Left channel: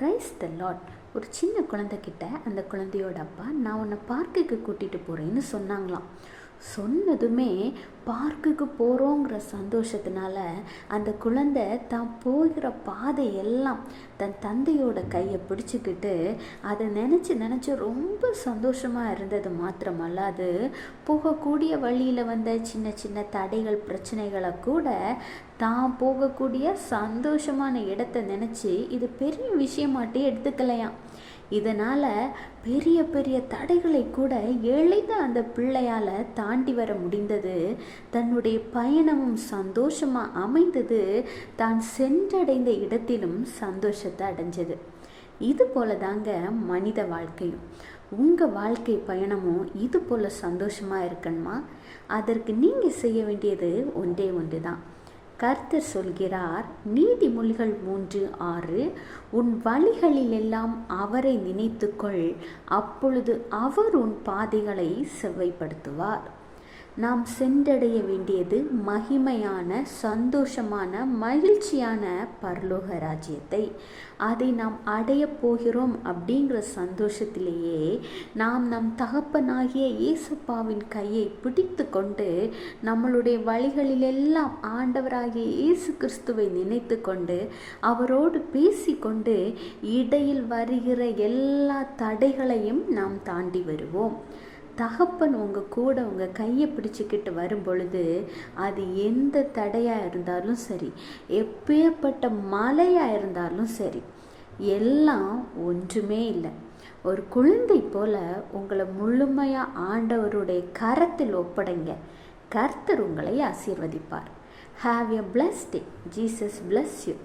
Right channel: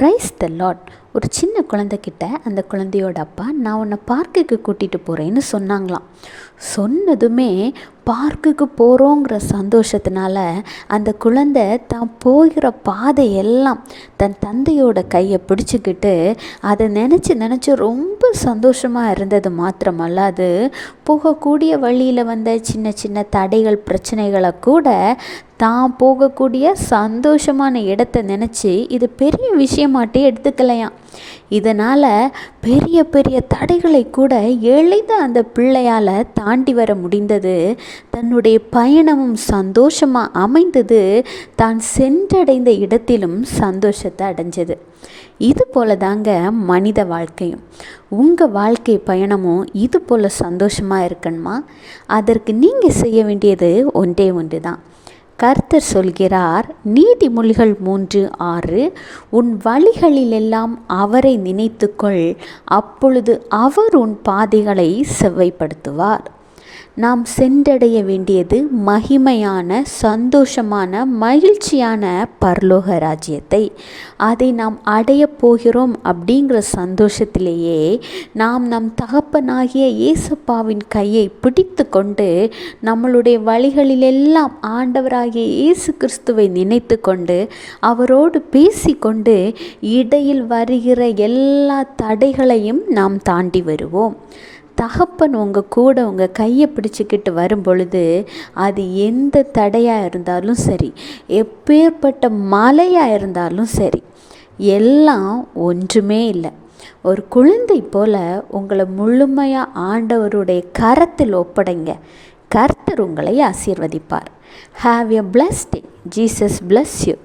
Praise the Lord. ஒரு சின்ன குழந்தைக்கிட்ட அந்த குழந்தையோட அப்பா, நான் உன்னை பார்க்குக்கு கூட்டிகிட்டு போகிறேன்னு சொன்னாங்களாம். சொன்னதுமே பார்க்குக்கு போகிறோங்கிற சந்தோஷத்தினால அந்த குழந்தை தான் போகிற பாதையெல்லாம் தன் தந்தையோட கையை பிடிச்சிக்கிட்டு அதை நினச்சி ரொம்ப சந்தோஷமாக இருந்தது மாத்திரமல்லாது, போகக்கூடிய வழியில் வந்த சின்ன சின்ன தடைகள் பிரச்சனைகளை கூட தான் போகக்கூடிய சந்தோஷமான இடத்த நினச்சி இது பெரிய விஷயமாட்டே எடுத்துக்கலையாம். இதனால் பெரிய பெரிய தடைகளை கூட எளிதாக அந்த பிள்ளையால் தாண்டி வர முடிந்தது. தன்னுடைய பயணமும் சந்தோஷமாக அமைந்தது. தான் சென்றடைந்த இடத்திலும் சந்தோஷத்தை அடைஞ்சது. இது போல தாங்க மனித வாழ்க்கையும். உங்கள் வாழ்க்கை பயணமும் இது போல் சந்தோஷமாக இருக்கணுமா? அதற்கு நீங்கள் செய்ய வேண்டியது ஒன்றே ஒன்று தான். கர்த்தர் சொல்கிறார், நீதிமொழிகள் 3:6, உன் வழிகளிலெல்லாம் அவரை நினைத்துக்கொள், அப்பொழுது அவர் உன் பாதைகளை செவ்வைப்படுத்துவார். நாம் சென்றடைய வேண்டியது மகிமையான, சந்தோஷமான, மகிழ்ச்சியான பரலோக ராஜ்யத்தை. அதை நாம் அடைய போகிறோம் அப்படிங்கிற சந்தோஷத்திலேயே நாம் நம் தகப்பனாகிய இயேசுப்பாவின் கையை பிடித்து கொண்டு நம்மளுடைய வழிகளிலெல்லாம் ஆண்டவராகிய இயேசு கிறிஸ்துவை நினைத்து கொண்டு அவரோடு பேசிக்கொண்டு இடையில் வருகிற எல்லா தடைகளையும் நாம் தாண்டி வருவோம். தகப்பன் உங்கள் கூட உங்கள் கையை பிடிச்சிக்கிட்டு வரும் பொழுது அது எந்த தடையாக இருந்தாலும் சரி, எப்பேற்பட்ட மலையாக இருந்தாலும் சரி, எல்லாம் ஒன்றுமே இல்லை. ஒரு குழந்தை போல் உங்களை முழுமையாக ஆண்டவருடைய கரத்தில் ஒப்படைங்க. கர்த்தர் உங்களை ஆசீர்வதிப்பார். Have a blessed day. Jesus bless you.